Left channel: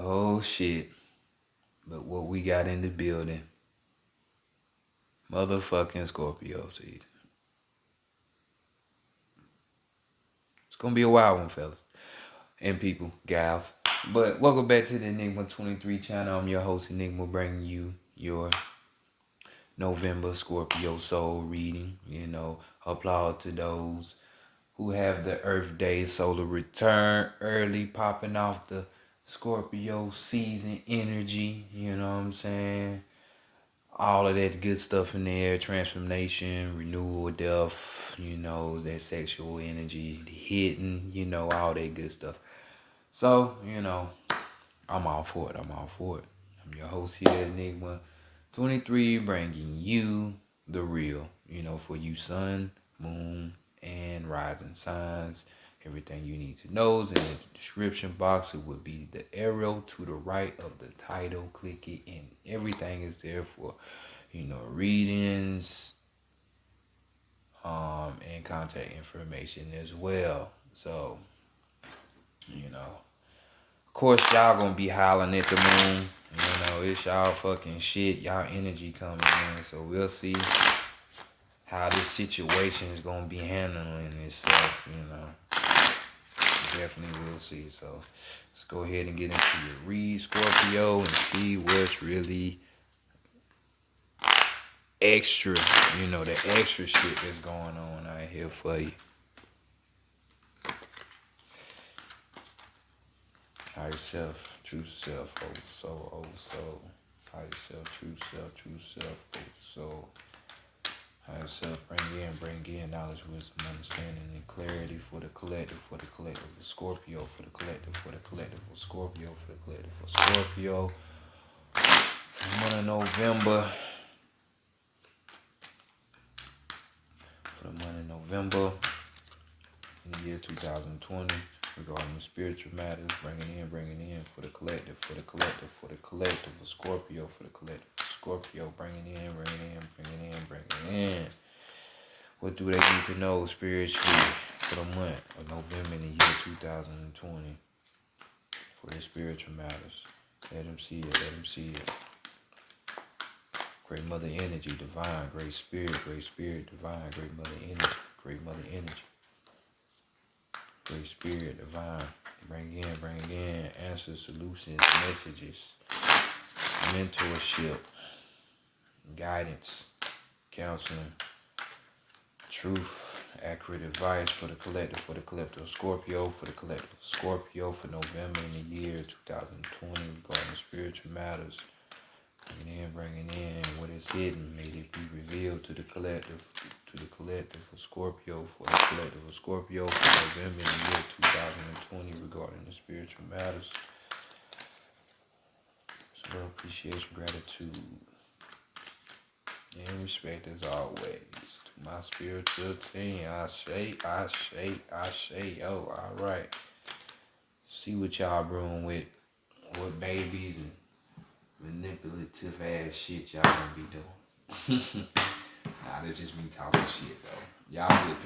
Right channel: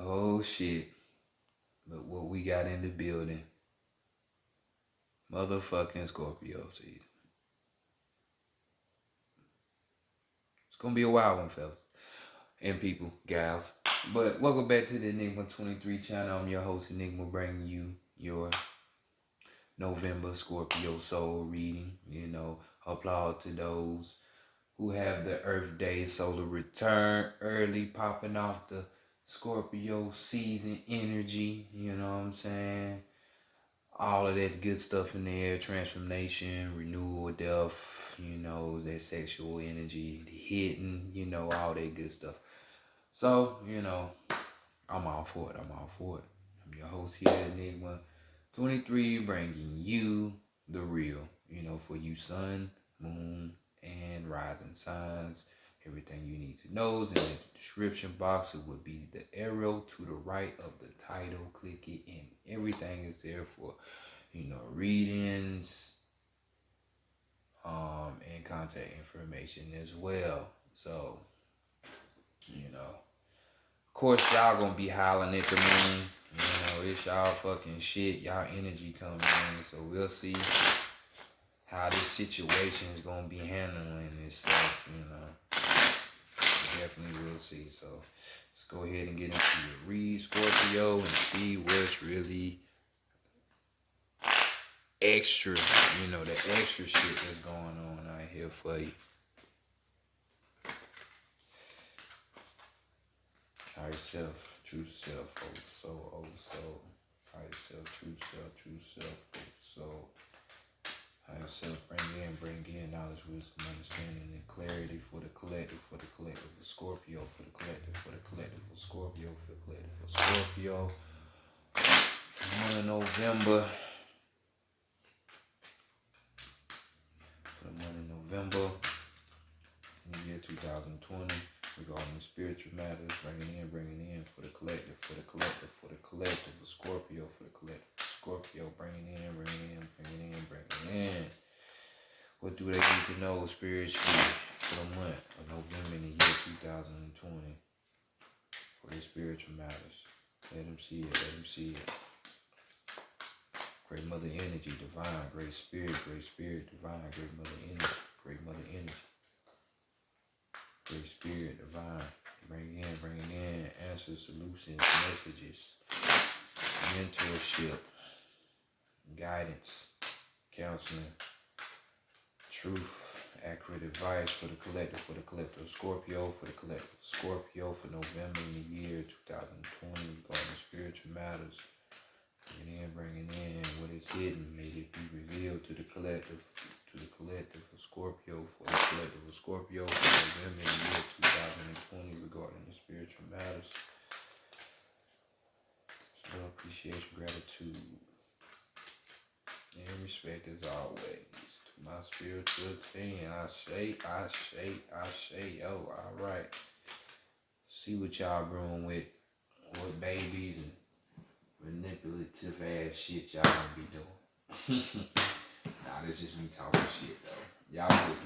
Oh shit. Look what we got in the building. Motherfucking Scorpio season. It's gonna be a wild one, fellas. And people, gals. But welcome back to the Enigma 23 channel. I'm your host, Enigma, bringing you your November Scorpio soul reading. Applaud to those who have the Earth Day solar return early, popping off the Scorpio season energy. You know what I'm saying? All of that good stuff in there, transformation, renewal, death, that sexual energy, the hidden, all that good stuff. So, I'm all for it. I'm all for it. I'm your host here, Enigma 23, bringing you the real, for you sun, moon, and rising signs. Everything you need to know is in the description box. It will be the arrow to the right of the title. Click it, and everything is there for, readings, and contact information as well. So, of course, y'all gonna be hollering at the moon. It's y'all fucking shit. Y'all energy coming in. So we'll see how this situation is gonna be handling itself. Definitely will see. So let's go ahead and get into your read, Scorpio, and see what's really extra. The extra shit that's going on out here for you. Higher self, true self, old soul. Higher self, true self, old soul. Higher self, bring in knowledge, wisdom, understanding, and clarity for the collective of Scorpio, for the collective of Scorpio, for the collective of Scorpio. Month of November. For the month of November, in the year 2020, regarding the spiritual matters, bringing in for the collective of Scorpio, for the collective of Scorpio, bringing in. What do they need to know spiritually for the month of November in the year 2020 for the spiritual matters? Let them see it. Great Mother Energy, divine, great spirit, divine, great Mother Energy. Great Spirit, divine, bring in answers, solutions, messages, mentorship, guidance, counseling, truth, accurate advice for the collective of Scorpio, for November in the year 2020 regarding spiritual matters. Bringing in what is hidden, may it be revealed to the collective of Scorpio, for the collective of Scorpio for November in the year 2020 regarding the spiritual matters. So appreciation, gratitude, and respect as always to my spiritual team. I say, yo, all right. See what y'all brewing with babies and manipulative ass shit y'all gonna be doing. Nah, that's just me talking shit though. Y'all good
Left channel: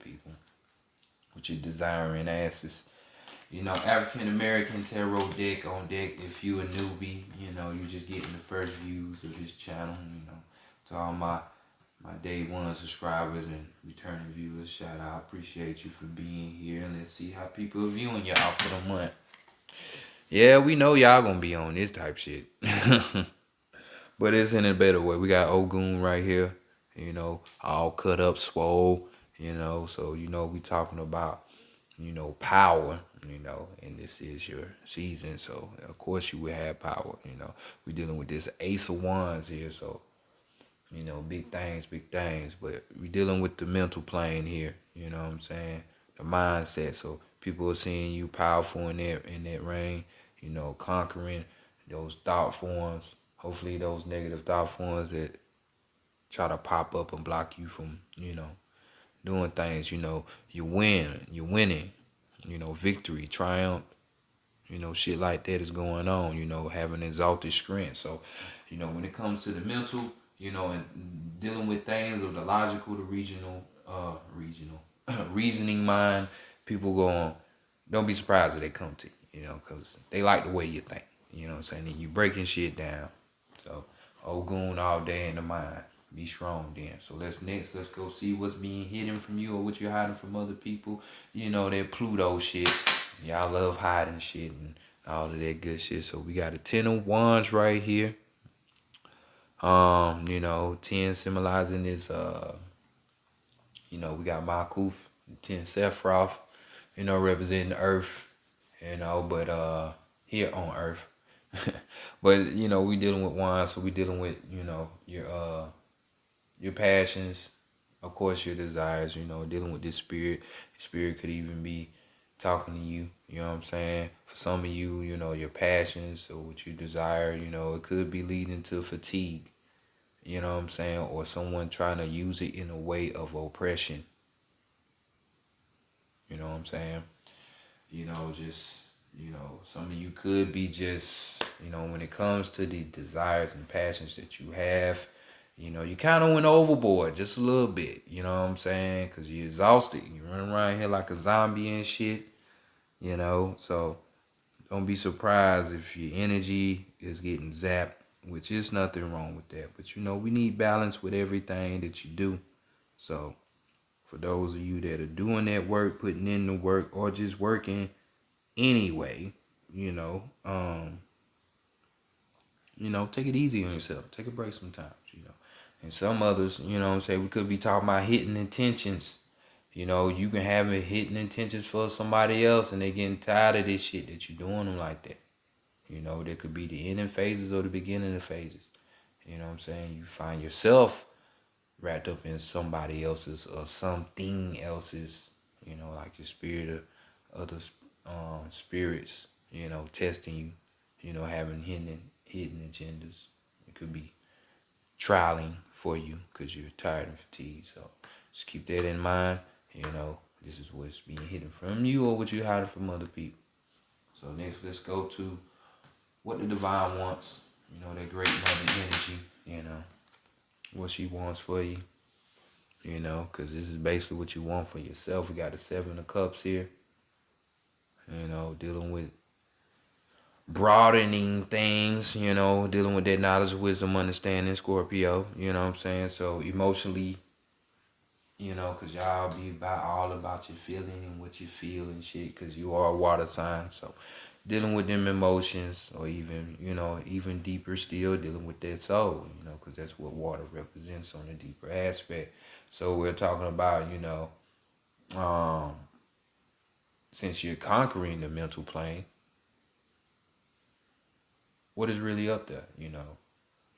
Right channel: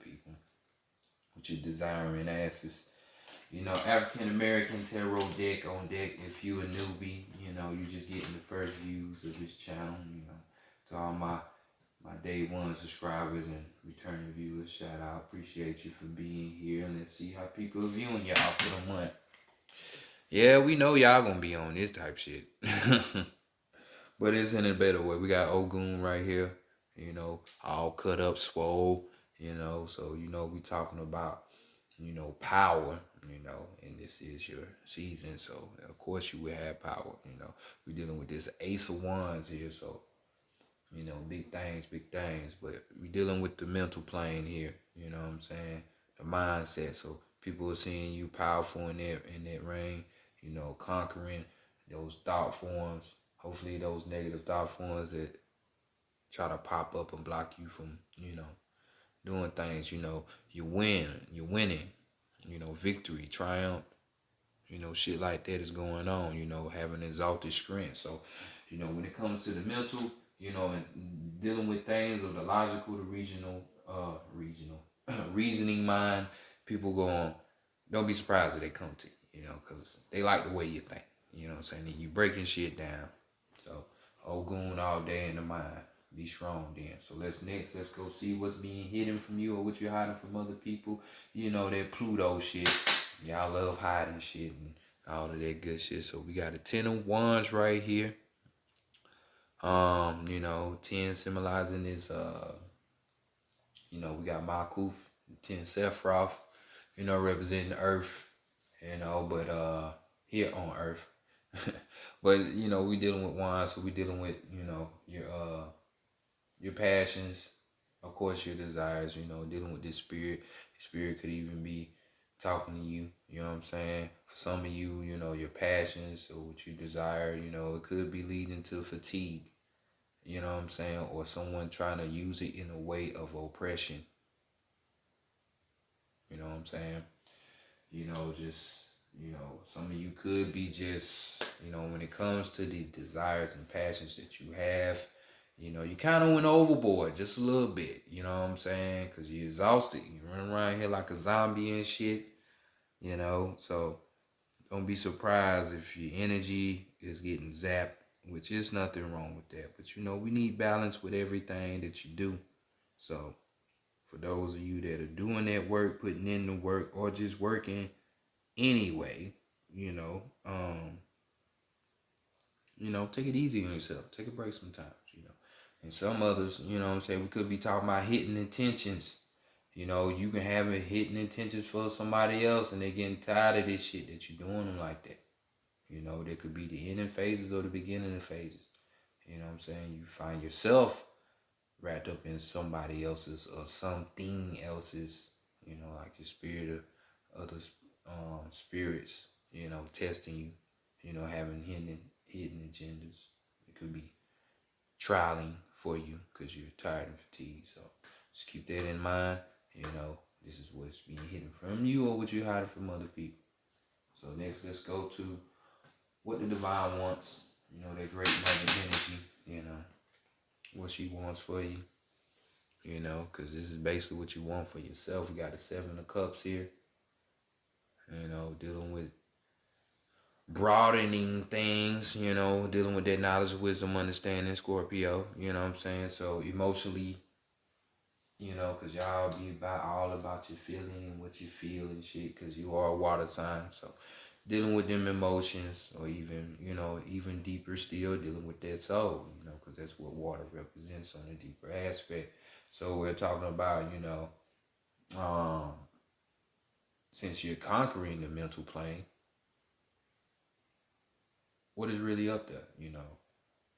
people. With your desiring asses. African American tarot deck on deck. If you a newbie, you just getting the first views of this channel, To all my day one subscribers and returning viewers, shout out. Appreciate you for being here, and let's see how people are viewing y'all for the month. Yeah, we know y'all gonna be on this type shit. But it's in a better way. We got Ogun right here, all cut up, swole, so, we talking about, power, and this is your season. So, of course, you will have power, We're dealing with this Ace of Wands here, so, big things, but we're dealing with the mental plane here, you know what I'm saying? The mindset. So, people are seeing you powerful in that reign, conquering those thought forms. Hopefully those negative thought forms that try to pop up and block you from, doing things, you're winning, victory, triumph, shit like that is going on, having exalted strength. So, when it comes to the mental, and dealing with things of the logical, the regional, reasoning mind, people don't be surprised if they come to you. you know, because they like the way you think, you know what I'm saying? And you breaking shit down. So, Ogun all day in the mind. Be strong then. So let's go see what's being hidden from you or what you're hiding from other people. You know, that Pluto shit. Y'all love hiding shit and all of that good shit. So we got a 10 of Wands right here. You know, 10 symbolizing this you know, we got Makuf, 10 Sephiroth, you know, representing the earth, you know, but here on earth. But you know, we dealing with wine, so we dealing with, you know, your passions, of course your desires, you know, dealing with this spirit. Your spirit could even be talking to you, you know what I'm saying? For some of you, you know, your passions or what you desire, you know, it could be leading to fatigue, you know what I'm saying? Or someone trying to use it in a way of oppression. You know what I'm saying? You know, just, you know, some of you could be just, you know, when it comes to the desires and passions that you have, you know, you kind of went overboard just a little bit, you know what I'm saying? Because you're exhausted. You run around here like a zombie and shit, you know? So don't be surprised if your energy is getting zapped, which is nothing wrong with that. But, you know, we need balance with everything that you do. So for those of you that are doing that work, putting in the work, or just working anyway, you know, take it easy on yourself. Take a break sometimes, you know. And some others, you know what I'm saying, we could be talking about hitting intentions. You know, you can have it hitting intentions for somebody else and they getting tired of this shit that you're doing them like that. You know, there could be the ending phases or the beginning of phases. You know what I'm saying? You find yourself wrapped up in somebody else's or something else's, you know, like your spirit or other spirits, you know, testing you, you know, having hidden agendas. It could be trialing for you because you're tired and fatigued. So just keep that in mind. You know, this is what's being hidden from you or what you're hiding from other people. So next, let's go to what the divine wants. You know, that great mother energy, you know, what she wants for you. You know, because this is basically what you want for yourself. We got the 7 of Cups here. You know, dealing with broadening things, you know, dealing with that knowledge, wisdom, understanding, Scorpio, you know what I'm saying? So emotionally, you know, because y'all be all about your feeling and what you feel and shit, because you are a water sign. So dealing with them emotions, or even, you know, even deeper still, dealing with that soul, you know, because that's what water represents on a deeper aspect. So we're talking about, you know, since you're conquering the mental plane, what is really up there, you know,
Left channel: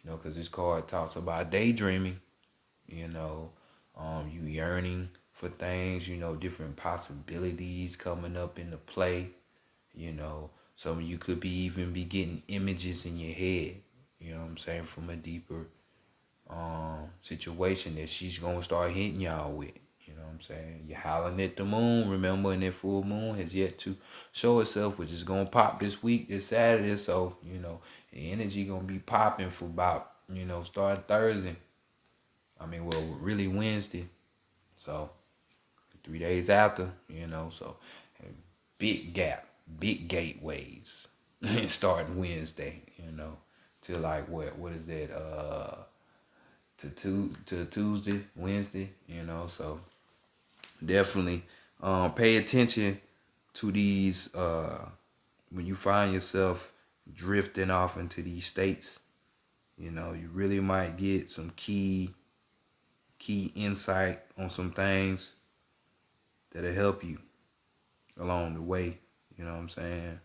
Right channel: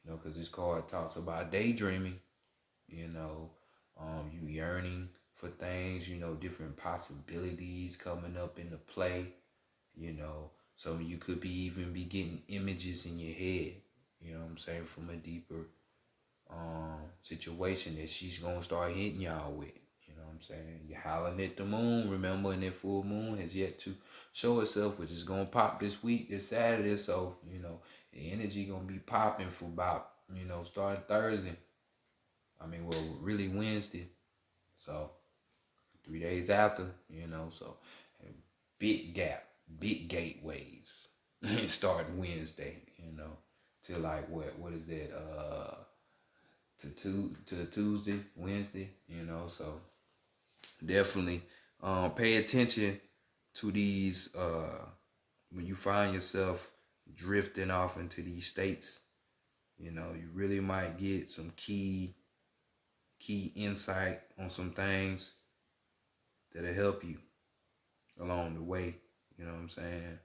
because this card talks about daydreaming, you know, you yearning for things, you know, different possibilities coming up into play, you know. Some of you could be even be getting images in your head, you know what I'm saying, from a deeper situation that she's gonna start hitting y'all with. You know what I'm saying? You're howling at the moon, remember, and that full moon has yet to show itself, which is gonna pop this week, this Saturday. So, you know, the energy gonna be popping for about, you know, starting Thursday. I mean, well, really Wednesday. So 3 days after, you know, so big gap, big gateways starting Wednesday, you know, to like what is that? To Tuesday, Wednesday, you know. So definitely pay attention to these when you find yourself drifting off into these states. You know, you really might get some key insight on some things that'll help you along the way. You know what I'm saying?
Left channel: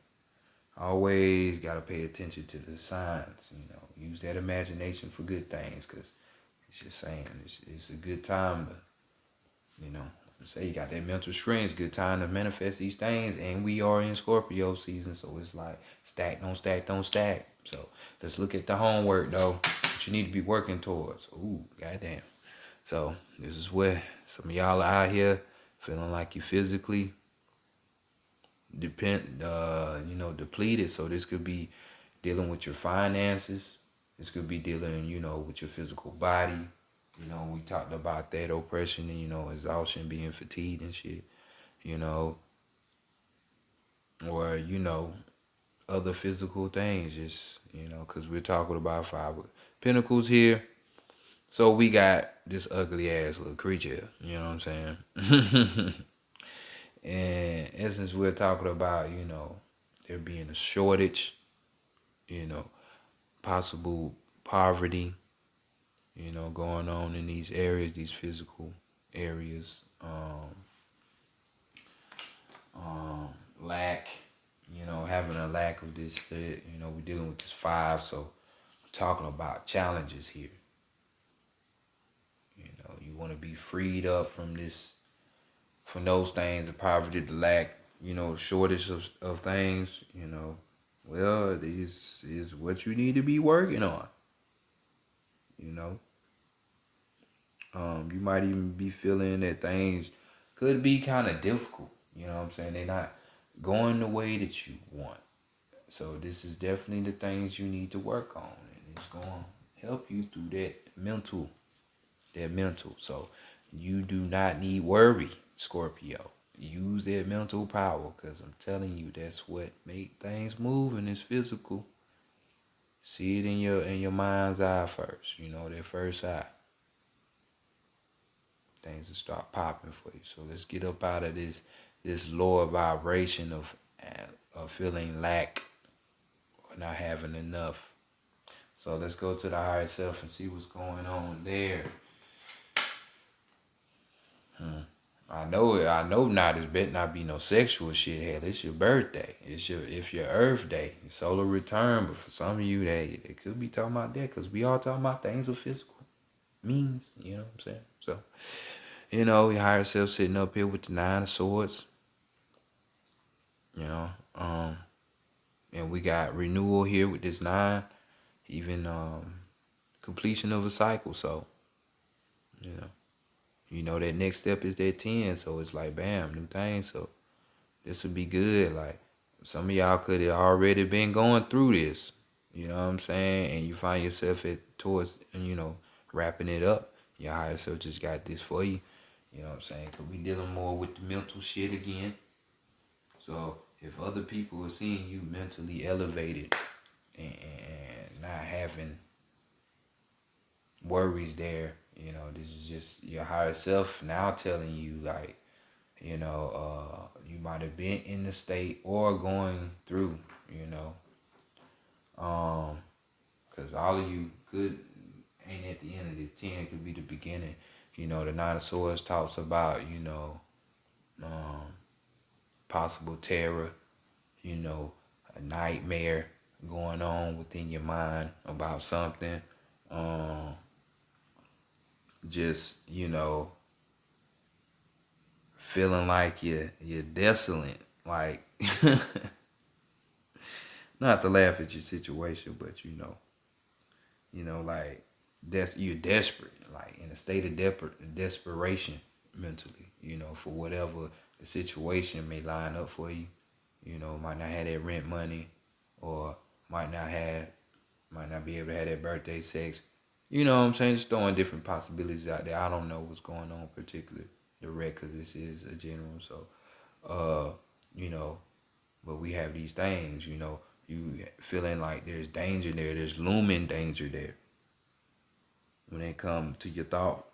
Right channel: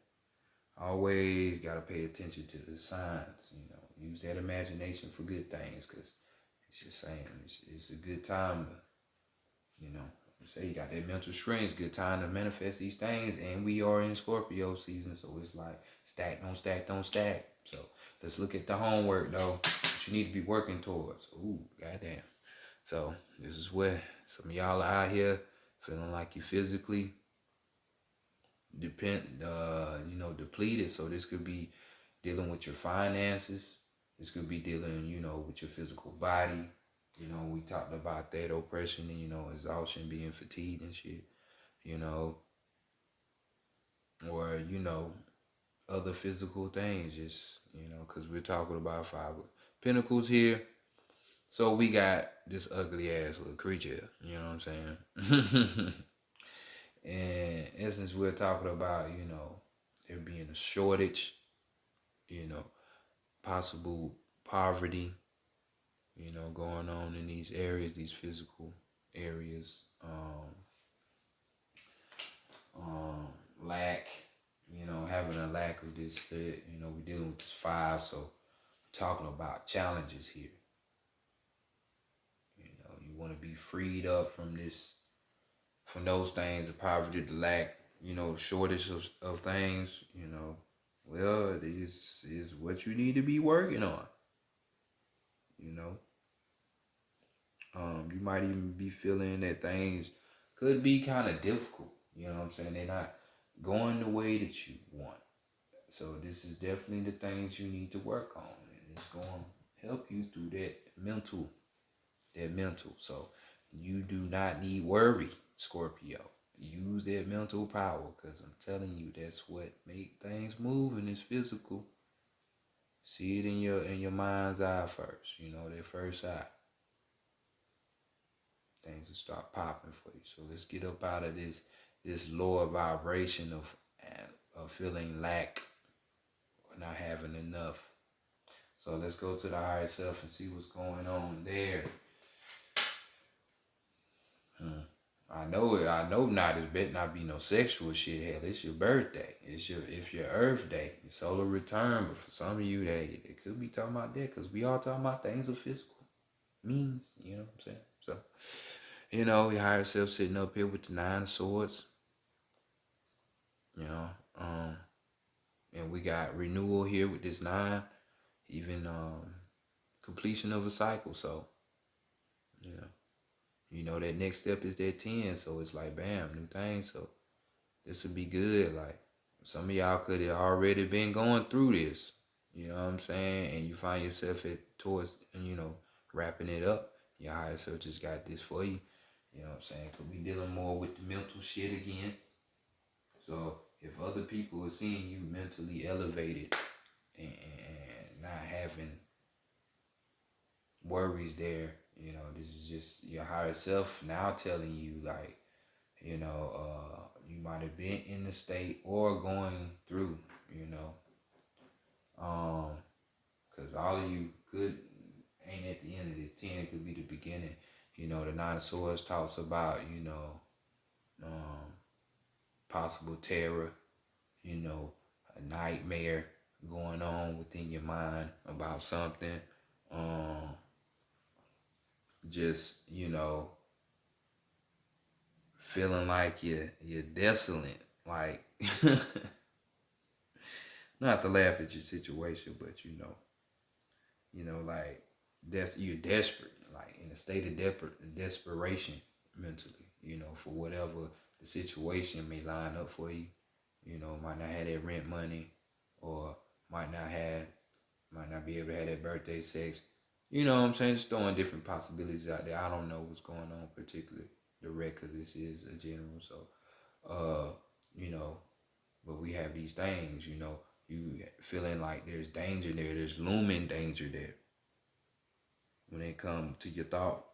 Always got to pay attention to the signs, you know. Use that imagination for good things, because it's just saying it's a good time to, you know, say you got that mental strength. It's a good time to manifest these things. And we are in Scorpio season, so it's like stack, don't stack, don't stack. So let's look at the homework, though, that you need to be working towards. Ooh, goddamn. So this is where some of y'all are out here feeling like you physically depleted. So this could be dealing with your finances. This could be dealing, you know, with your physical body. You know, we talked about that oppression and, you know, exhaustion, being fatigued and shit. You know, or other physical things. Just because we're talking about five pentacles here, so we got this ugly ass little creature. You know what I'm saying? And in essence, we're talking about there being a shortage, you know, possible poverty, going on in these areas, these physical areas. Lack, having a lack of this. We're dealing with this five, so we're talking about challenges here. You want to be freed up from this, from those things, the poverty, the lack, shortage of things. Well, this is what you need to be working on. You know, you might even be feeling that things could be kind of difficult. You know what I'm saying? They're not going the way that you want. So this is definitely the things you need to work on, and it's going to help you through that mental. So you do not need worry, Scorpio. Use that mental power, because I'm telling you, that's what make things move in this physical. See it in your mind's eye first. That first eye. Things will start popping for you. So let's get up out of this lower vibration of feeling lack or not having enough. So let's go to the higher self and see what's going on there. I know it. I know not. It better not be no sexual shit. Hell, it's your birthday. It's your Earth day, your solar return. But for some of you, they could be talking about that, because we all talking about things of physical means. You know what I'm saying? So, your higher self sitting up here with the 9 of Swords. And we got renewal here with this 9, even completion of a cycle. So, that next step is that 10. So it's like, bam, new thing. So this would be good. Like, some of y'all could have already been going through this. You know what I'm saying? And you find yourself towards, wrapping it up. Your higher self just got this for you. You know what I'm saying? Because we dealing more with the mental shit again. So if other people are seeing you mentally elevated and not having worries there, this is just your higher self now telling you, like, you might have been in the state or going through, because all of you could ain't at the end of this 10, could be the beginning. The 9 of Swords talks about, possible terror, a nightmare going on within your mind about something. Just, feeling like you're desolate. Like, not to laugh at your situation, but like you're desperate, like in a state of desperation mentally, for whatever the situation may line up for you. Might not have that rent money, or might not be able to have that birthday sex. You know what I'm saying? Just throwing different possibilities out there. I don't know what's going on particularly direct, because this is a general. So, but we have these things, you feeling like there's danger there, there's looming danger there when it comes to your thought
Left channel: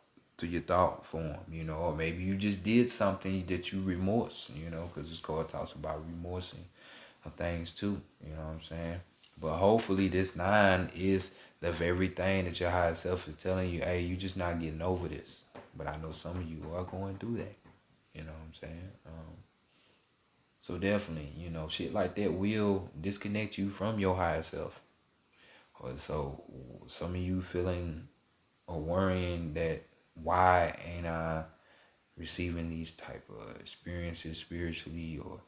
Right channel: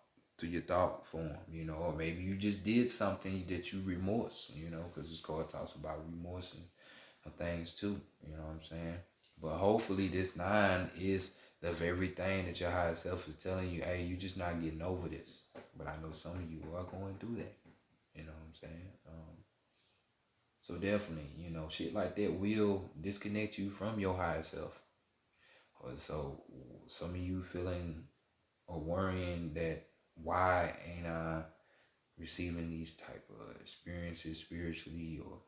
form, or maybe you just did something that you remorse, because this card talks about remorsing of things too, you know what I'm saying? But hopefully this 9 is the very thing that your higher self is telling you, hey, you just not getting over this. But I know some of you are going through that, you know what I'm saying? So definitely, shit like that will disconnect you from your higher self. So some of you feeling or worrying that, why ain't I receiving these type of experiences spiritually, or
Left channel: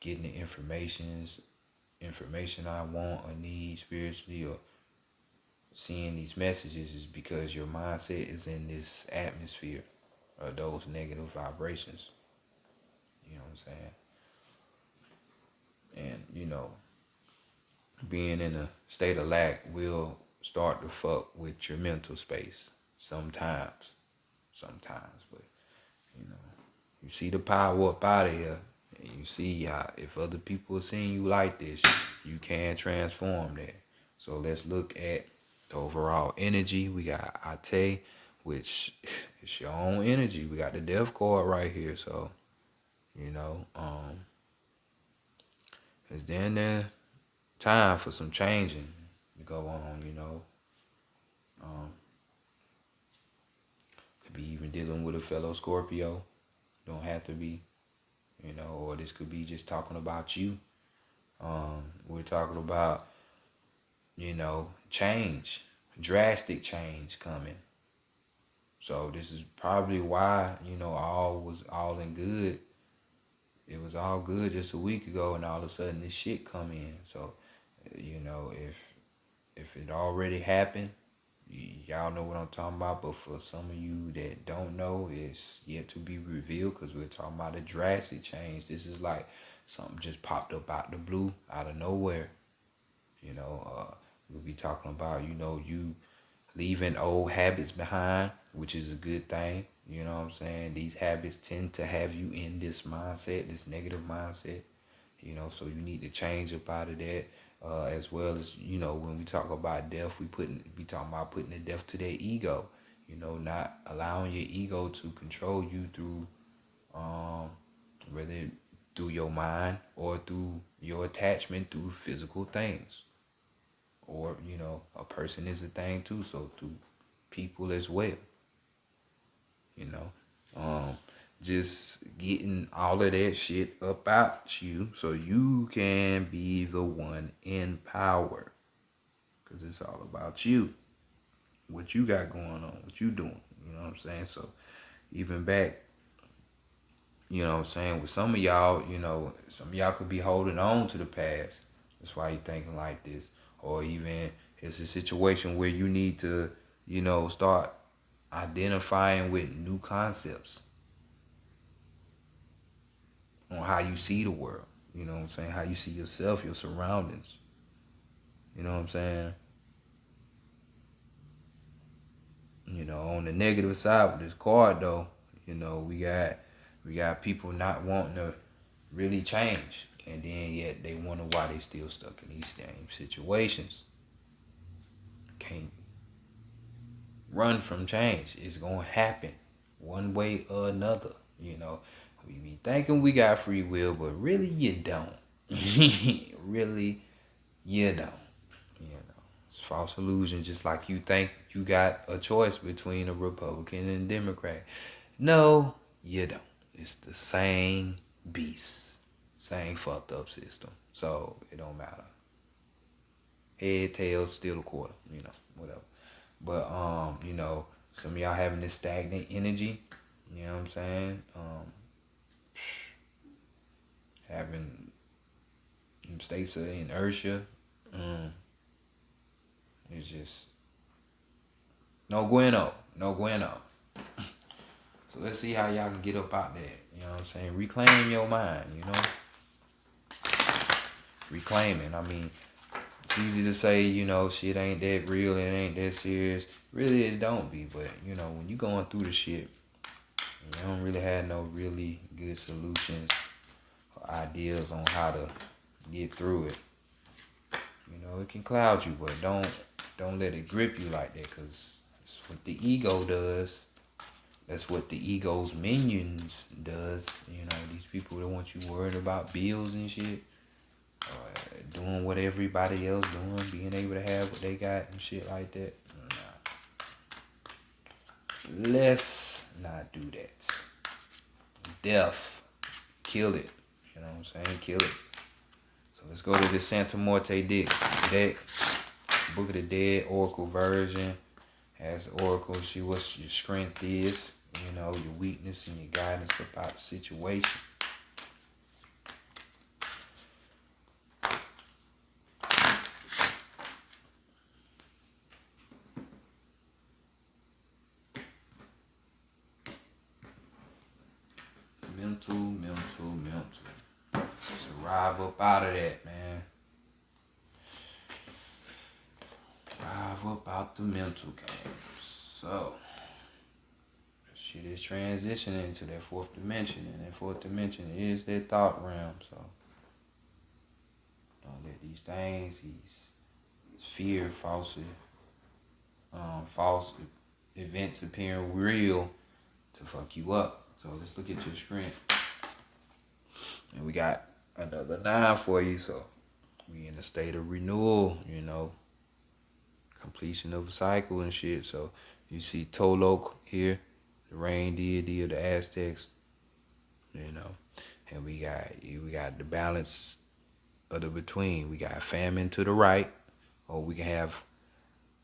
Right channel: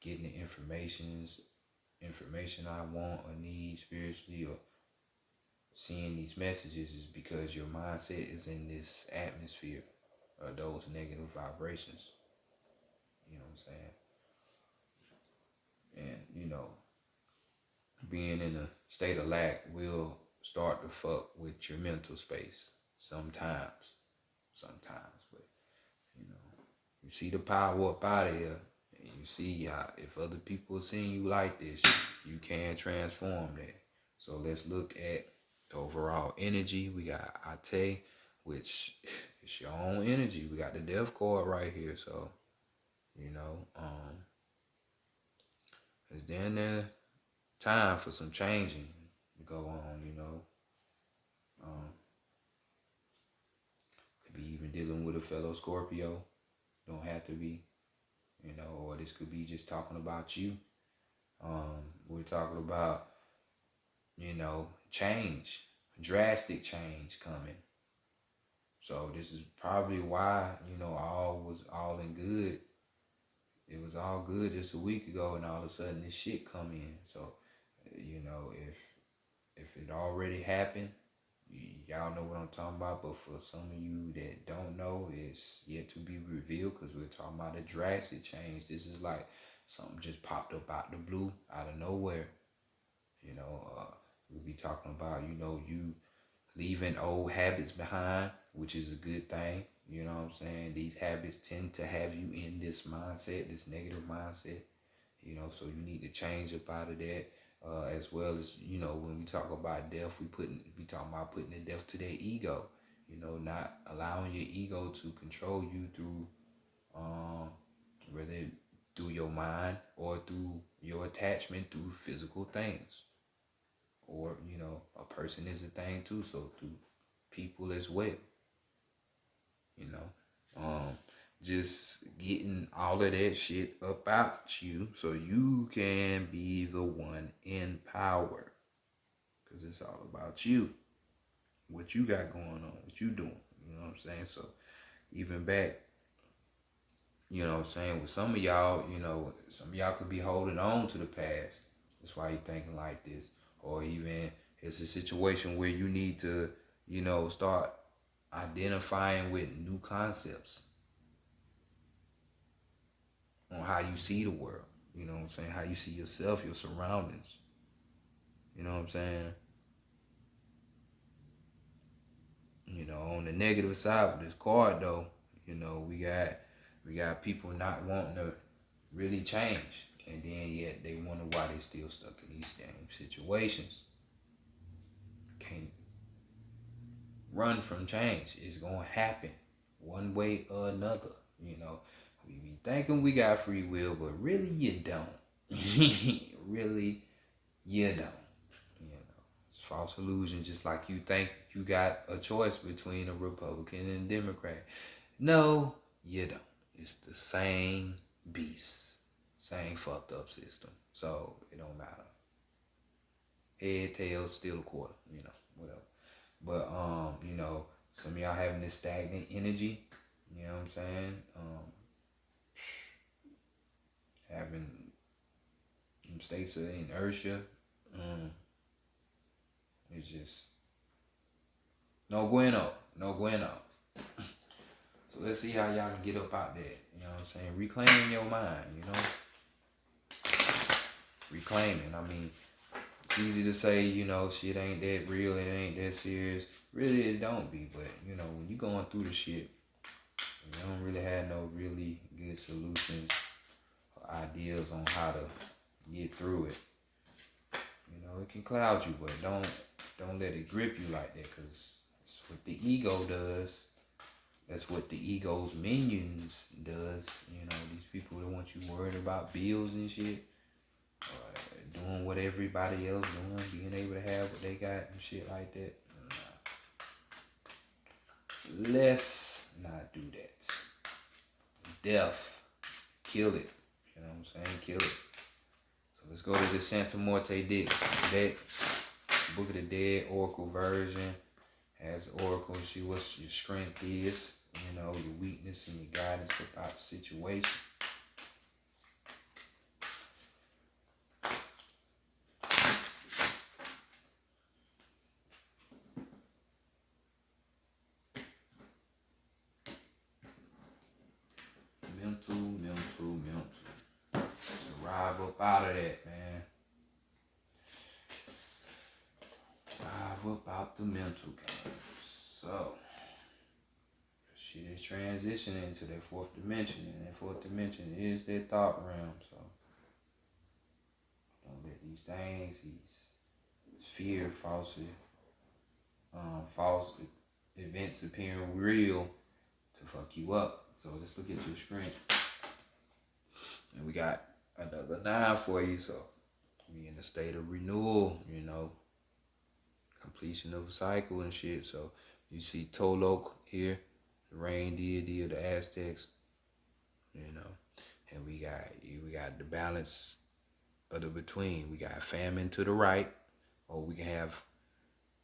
getting the information I want or need spiritually, or seeing these messages, is because your mindset is in this atmosphere of those negative vibrations. You know what I'm saying? And, being in a state of lack will start to fuck with your mental space sometimes. But, you see the power up out of here, And you see, if other people are seeing you like this, you can transform that. So let's look at the overall energy. We got Ate, which is your own energy. We got the death card right here. So, it's then there time for some changing to go on. Um, could be even dealing with a fellow Scorpio. Don't have to be, or this could be just talking about you. We're talking about, change, drastic change coming. So this is probably why, all was all in good. It was all good just a week ago, and all of a sudden this shit come in. So, if it already happened, y'all know what I'm talking about. But for some of you that don't know, it's yet to be revealed because we're talking about a drastic change. This is like something just popped up out the blue, out of nowhere. We'll be talking about, you leaving old habits behind, which is a good thing. You know what I'm saying? These habits tend to have you in this mindset, this negative mindset. So you need to change up out of that. As well as, when we talk about death, we talking about putting the death to their ego. Not allowing your ego to control you through, whether through your mind or through your attachment through physical things. Or, a person is a thing too, so through people as well. Just getting all of that shit up out you so you can be the one in power. Because it's all about you. What you got going on, what you doing. You know what I'm saying? So even back, with some of y'all, some of y'all could be holding on to the past. That's why you're thinking like this. Or even it's a situation where you need to, start identifying with new concepts on how you see the world. You know what I'm saying? How you see yourself, your surroundings. You know what I'm saying? On the negative side with this card though, we got people not wanting to really change. And then yet they wonder why they still stuck in these same situations. Can't run from change. It's gonna happen one way or another. We be thinking we got free will, but really you don't. Really you don't. It's false illusion, just like you think you got a choice between a Republican and a Democrat. No, you don't. It's the same beast. Same fucked up system. So it don't matter. Head, tail, still a quarter, whatever. But some of y'all having this stagnant energy, you know what I'm saying? Having states of inertia. It's just no bueno. So let's see how y'all can get up out there. You know what I'm saying? Reclaiming your mind, Reclaiming. I mean, it's easy to say, shit ain't that real, it ain't that serious. Really, it don't be. But, when you going through the shit, you don't really have no really good solutions or ideas on how to get through it. It can cloud you, but don't let it grip you like that, because that's what the ego does. That's what the ego's minions does. These people that want you worried about bills and shit, doing what everybody else doing, being able to have what they got and shit like that. Nah. Let's not do that. Death, kill it. You know what I'm saying? Kill it. So let's go to the Santa Morte deck. Book of the Dead Oracle version. Has Oracle, see what your strength is, your weakness and your guidance about the situation. Mental. Arrive up out of that, man. Arrive up out the mental game. So, shit is transitioning into that fourth dimension, and that fourth dimension is that thought realm. So don't let these things, these fear, false events appearing real to fuck you up. So let's look at your strength. And we got another 9 for you. So we in a state of renewal, completion of a cycle and shit. So you see Tolok here, the rain deity of the Aztecs, and we got the balance of the between. We got famine to the right, or we can have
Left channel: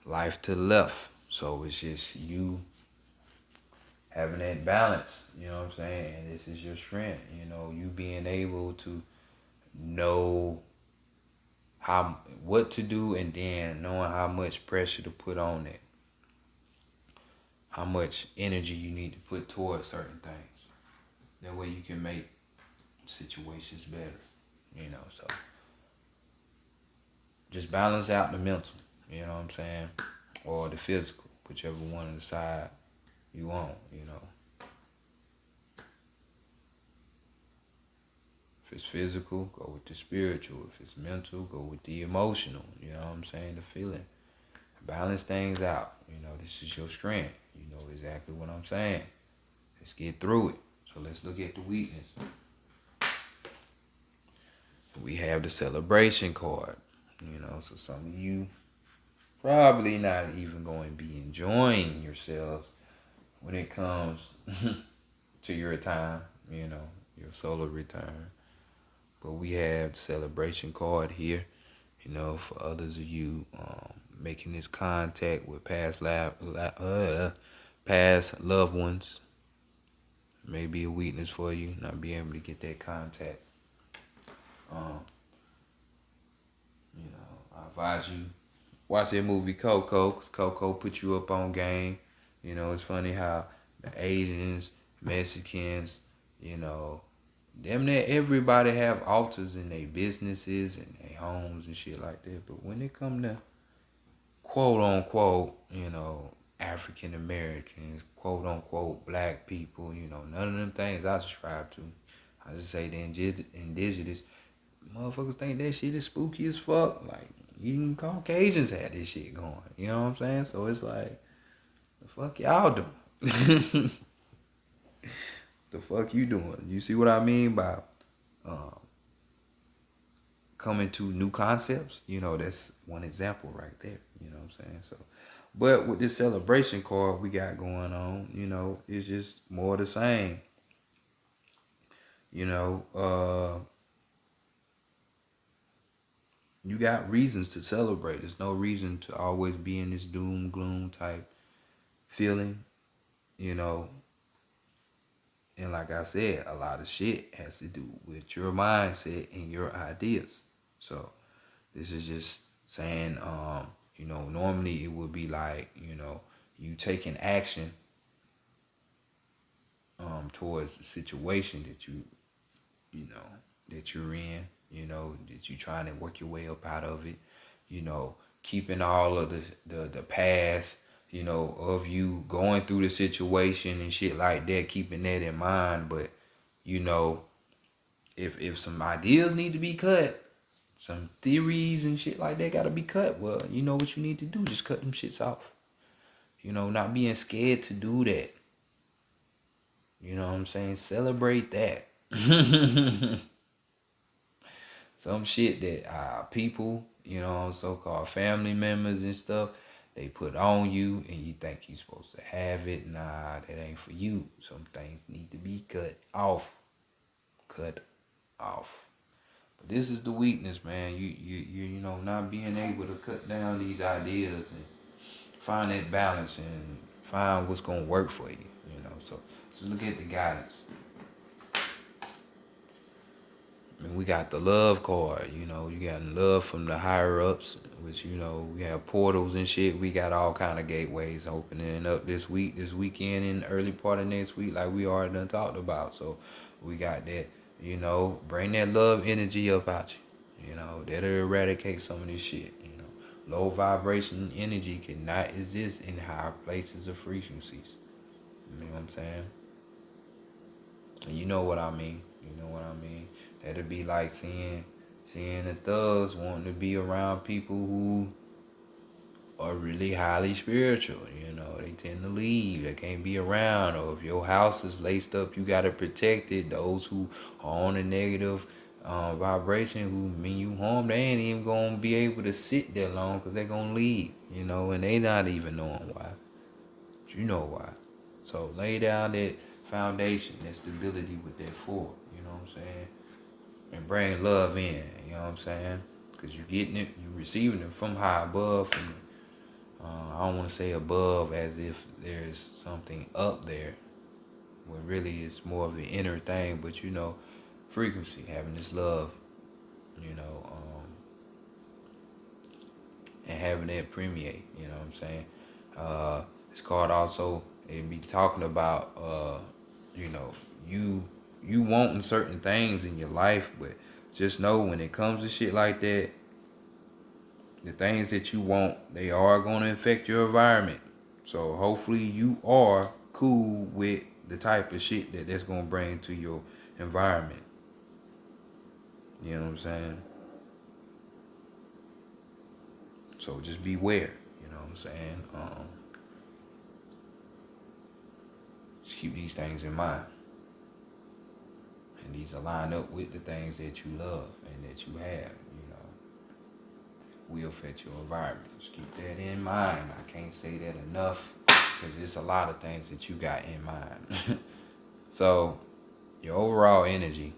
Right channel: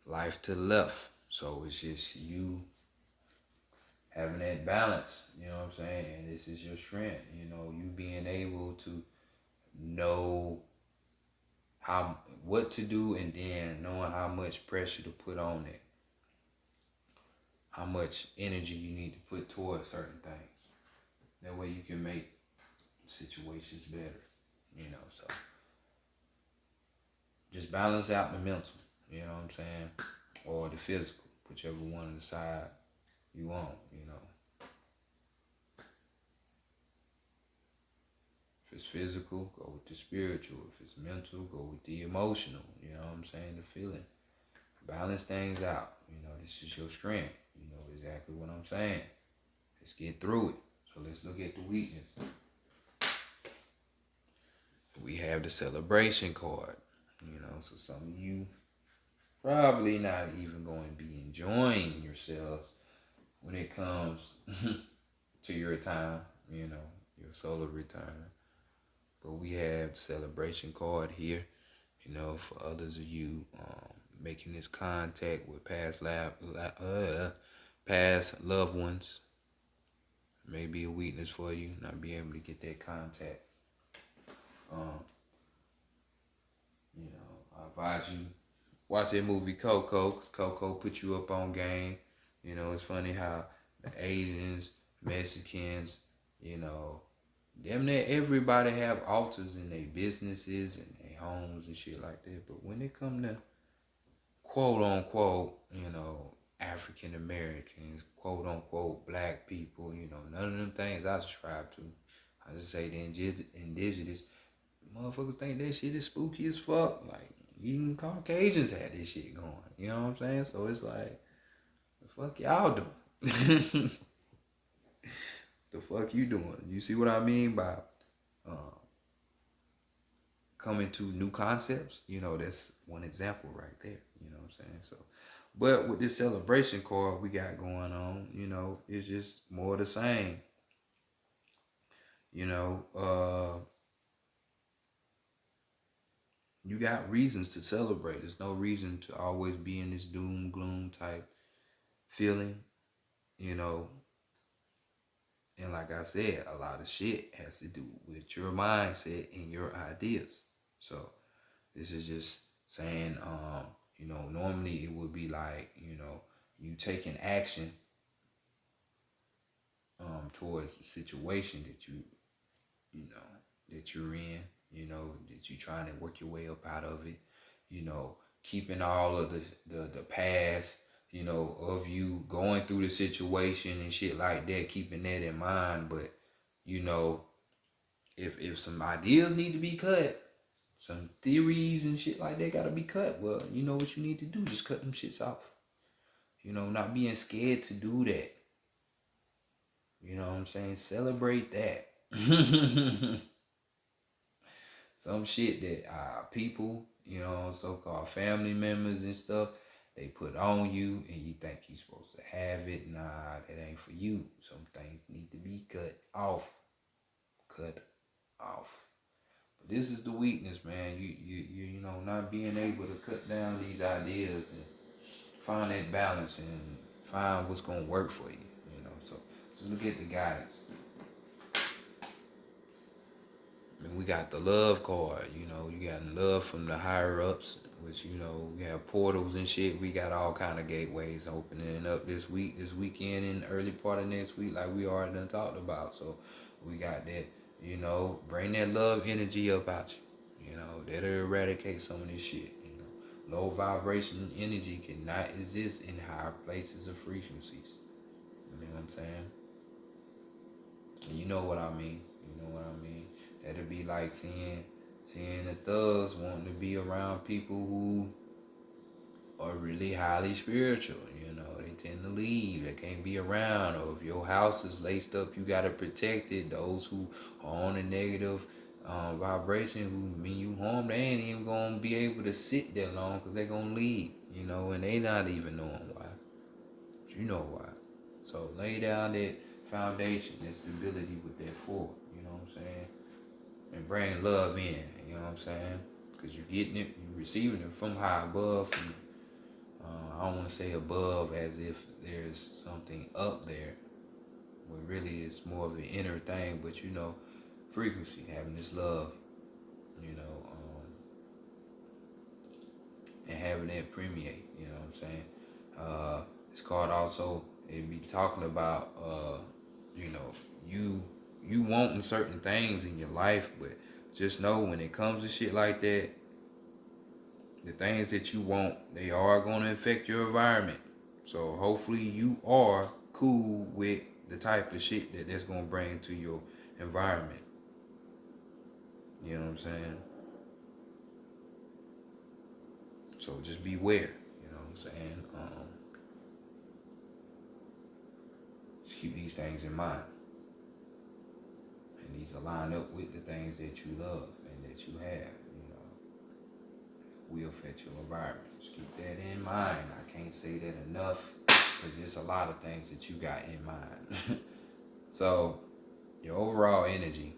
life to the left. So it's just you having that balance, you know what I'm saying? And this is your strength, you being able to know what to do, and then knowing how much pressure to put on it. How much energy you need to put towards certain things. That way you can make situations better, so just balance out the mental, you know what I'm saying? Or the physical, whichever one side you want, If it's physical, go with the spiritual. If it's mental, go with the emotional, you know what I'm saying? The feeling. Balance things out, this is your strength, you know exactly what I'm saying. Let's get through it. So let's look at the weakness. We have the celebration card, so some of you probably not even going to be enjoying yourselves when it comes to your time, your solar return. But we have the celebration card here, for others of you making this contact with past loved ones. May be a weakness for you, not being able to get that contact. I advise you watch that movie Coco, because Coco put you up on game. It's funny how the Asians, Mexicans, damn near everybody have altars in their businesses and their homes and shit like that. But when it come to quote unquote, African Americans, quote unquote black people, none of them things I subscribe to. I just say the indigenous motherfuckers think that shit is spooky as fuck. Like, even Caucasians had this shit going. You know what I'm saying? So it's like, the fuck y'all doing? The fuck you doing? You see what I mean by coming to new concepts? That's one example right there. You know what I'm saying? So, but with this celebration card we got going on, it's just more of the same. You got reasons to celebrate. There's no reason to always be in this doom, gloom type feeling, And like I said, a lot of shit has to do with your mindset and your ideas. So this is just saying, normally it would be like, you taking action towards the situation that that you're in, that you're trying to work your way up out of it, keeping all of the past, of you going through the situation and shit like that, keeping that in mind. But, if some ideas need to be cut, some theories and shit like that gotta be cut, well, you know what you need to do, just cut them shits off. Not being scared to do that. You know what I'm saying? Celebrate that. Some shit that people, so-called family members and stuff, they put on you and you think you're supposed to have it. Nah, that ain't for you. Some things need to be cut off. Cut off. But this is the weakness, man. You not being able to cut down these ideas and find that balance and find what's gonna work for you. So look at the guidance. And we got the love card, you got love from the higher ups, which, we have portals and shit. We got all kind of gateways opening up this weekend, and early part of next week, like we already done talked about. So we got that, bring that love energy up out you, that'll eradicate some of this shit, Low vibration energy cannot exist in higher places of frequencies. You know what I'm saying? And you know what I mean. You know what I mean. That'll be like seeing the thugs wanting to be around people who are really highly spiritual. You know, they tend to leave. They can't be around. Or if your house is laced up, you gotta protect it. Those who are on a negative vibration, who mean you harm, they ain't even gonna be able to sit there long because they gonna leave. You know, and they not even knowing why. But you know why. So lay down that foundation, that stability with that four. You know what I'm saying? And bring love in. You know what I'm saying? Because you're getting it, you're receiving it from high above, from I don't want to say above as if there's something up there, when really it's more of an inner thing. But you know, frequency, having this love, you know, and having it permeate. You know what I'm saying? It's called also. It be talking about, you know, you wanting certain things in your life, but just know when it comes to shit like that, the things that you want, they are going to affect your environment. So hopefully you are cool with the type of shit that's going to bring to your environment. You know what I'm saying? So just beware. You know what I'm saying? Just keep these things in mind. And these align up with the things that you love and that you have. You know, will affect your environment. Just keep that in mind. I can't say that enough because there's a lot of things that you got in mind. So your overall energy,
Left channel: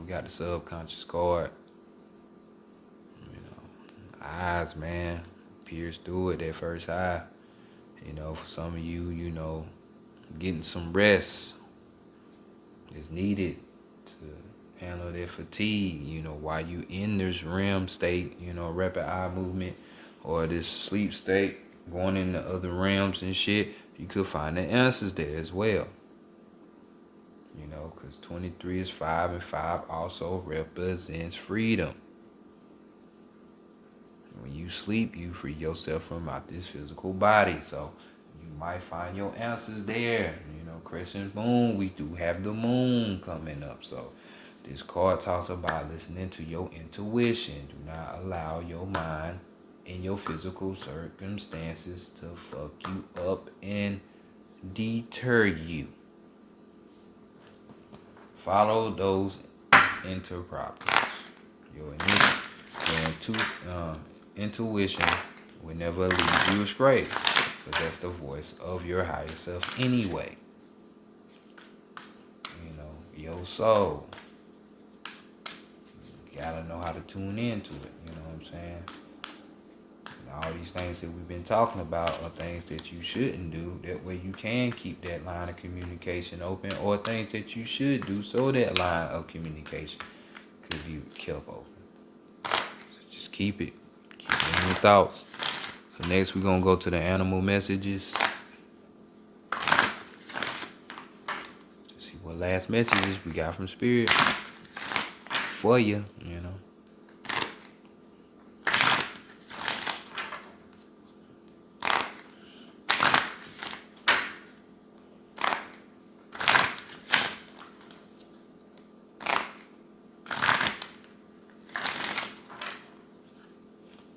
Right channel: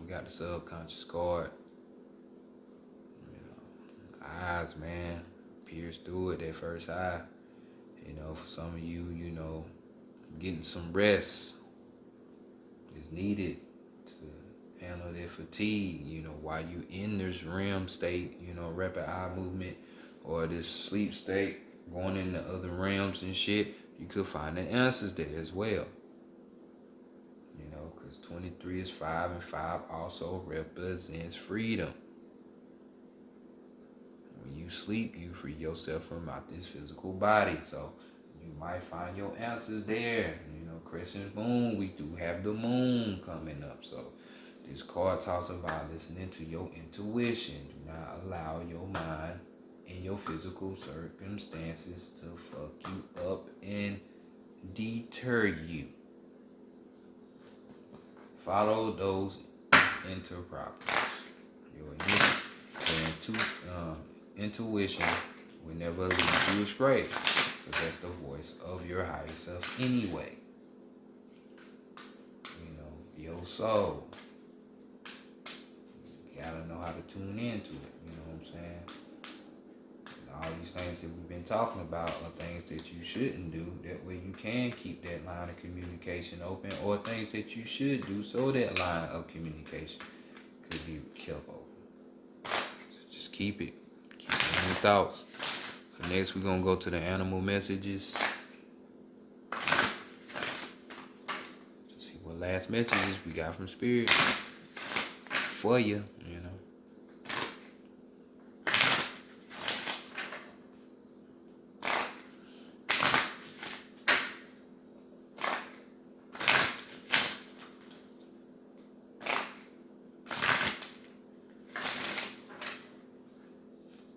we got the subconscious card. You know, eyes, man, pierce through it, that first eye. You know, for some of you, you know, getting some rest is needed to handle that fatigue. You know, while you in this REM state, you know, rapid eye movement, or this sleep state, going into other realms and shit, you could find the answers there as well. You know, because 23 is 5, and 5 also represents freedom. When you sleep, you free yourself from out this physical body. So you might find your answers there. You know, crescent moon, we do have the moon coming up. So this card talks about listening to your intuition. Do not allow your mind and your physical circumstances to fuck you up and deter you. Follow those interproperties. Your intuition will never lead you astray, because that's the voice of your higher self anyway. You know, your soul. You gotta know how to tune into it. You know what I'm saying? And all these things that we've been talking about are things that you shouldn't do. That way you can keep that line of communication open, or things that you should do so that line of communication could be kept open. So just keep it. Keep it in your thoughts. So next we're gonna go to the animal messages. Let's see what last messages we got from Spirit for you, you know.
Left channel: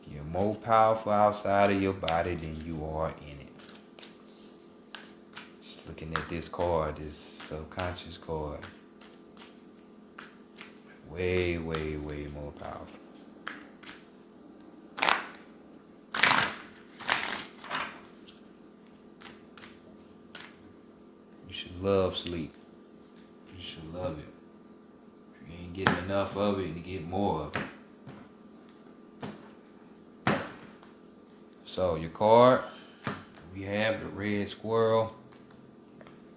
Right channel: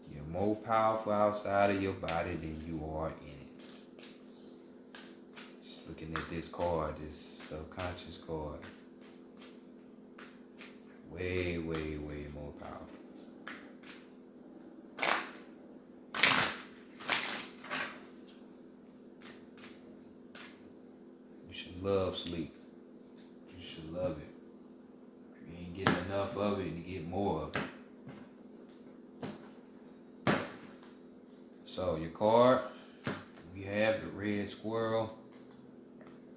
You're more powerful outside of your body than you are in it. Just looking at this card, this subconscious card. Way, way, way more powerful. You should love sleep. You should love it. If you ain't getting enough of it, you get more of it. So your card, we have the red squirrel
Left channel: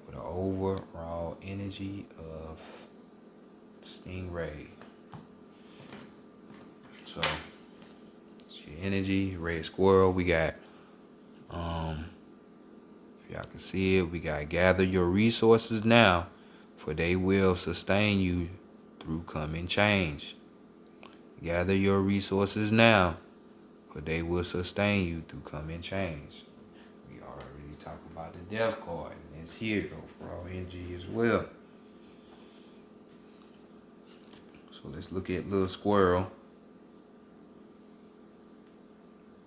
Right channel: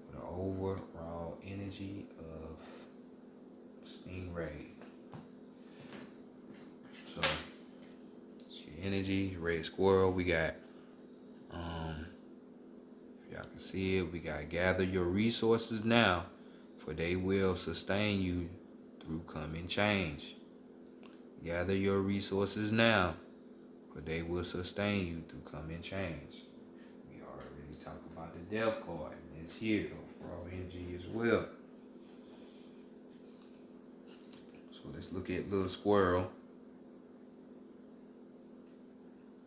with an overall energy of stingray. So it's your energy, red squirrel. We got, if y'all can see it, we got gather your resources now, for they will sustain you through coming change. Gather your resources now, for they will sustain you through coming change. We already talked about the the death card. And it's here for our energy as well. So let's look at little squirrel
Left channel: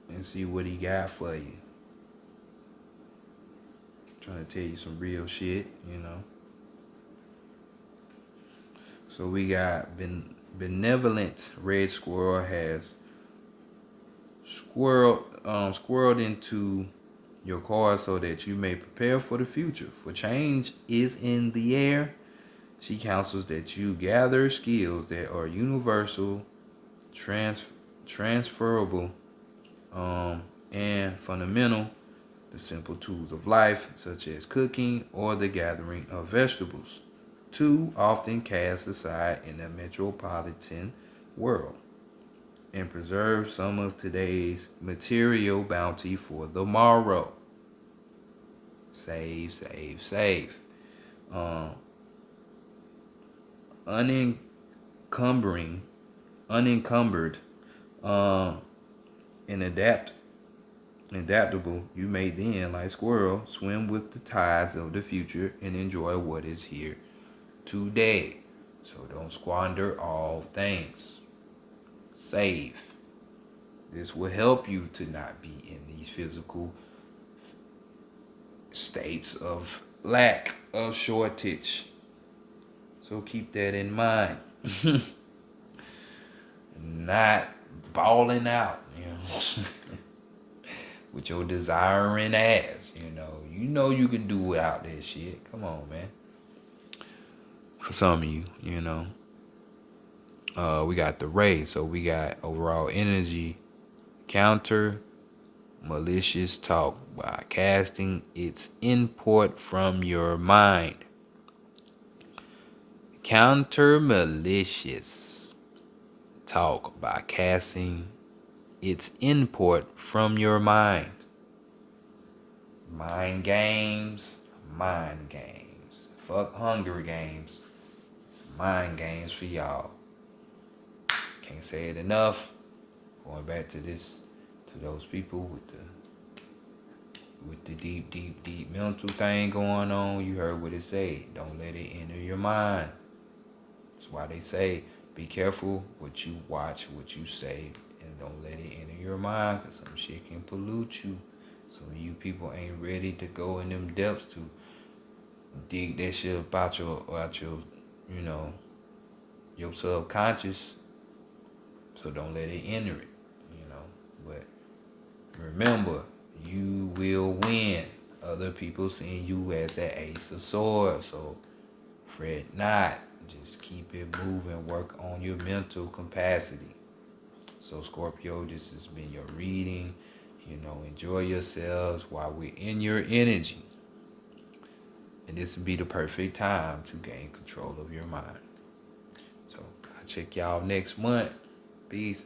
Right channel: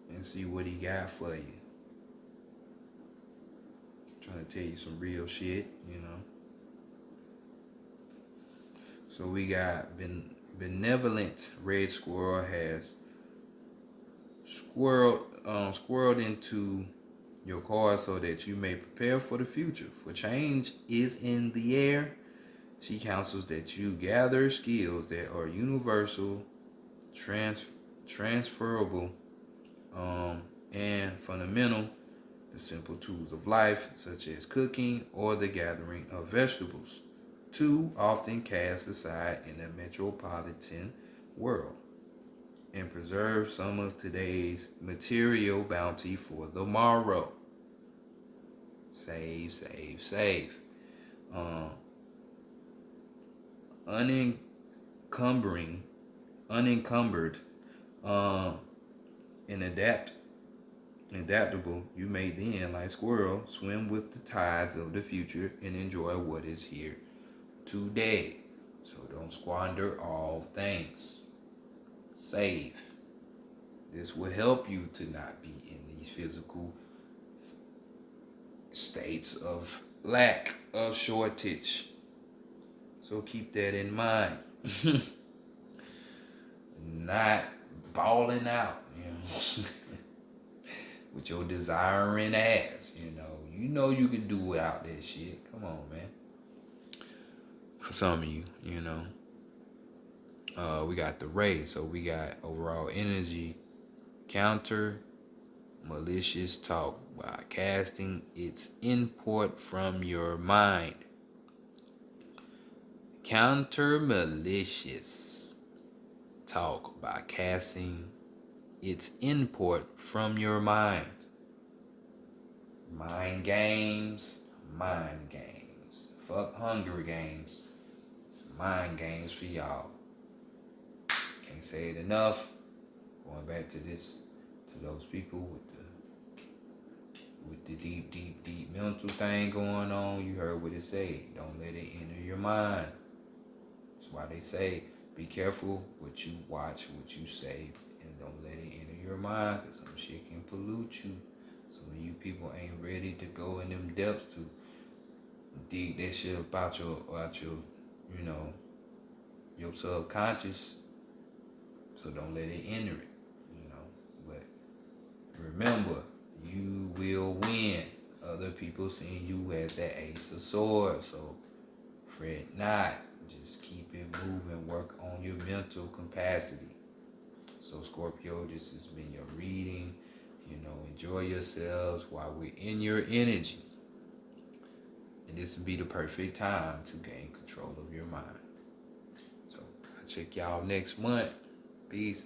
and see what he got for you. Trying to tell you some real shit, you know. So we got benevolent red squirrel has squirreled into your card so that you may prepare for the future. For change is in the air. She counsels that you gather skills that are universal, transferable, and fundamental. The simple tools of life, such as cooking or the gathering of vegetables, too often cast aside in the metropolitan world, and preserve some of today's material bounty for the morrow. Save, save, save. Unencumbered, and adaptable, you may then, like squirrel, swim with the tides of the future and enjoy what is here today. So don't squander all things. Save. This will help you to not be in these physical states of lack, of shortage. So keep that in mind. Not balling out, you know, with your desiring ass, you know. You know you can do without that shit. Come on, man. For some of you, you know. We got the ray, so we got overall energy, counter malicious talk by casting its import from your mind. Counter malicious talk by casting its import from your mind. Mind games. Fuck Hunger Games. It's mind games for y'all. Can't say it enough. Going back to those people with the deep mental thing going on. You heard what it said. Don't let it enter your mind. That's why they say, be careful what you watch, what you say, and don't let it enter your mind, because some shit can pollute you. So you people ain't ready to go in them depths to dig that shit about your you know, your subconscious. So don't let it enter it, you know. But remember, you will win. Other people seeing you as that ace of swords. So fret not. Just keep it moving. Work on your mental capacity. So Scorpio, this has been your reading. You know, enjoy yourselves while we're in your energy. And this would be the perfect time to gain control of your mind. So I'll check y'all next month. Peace.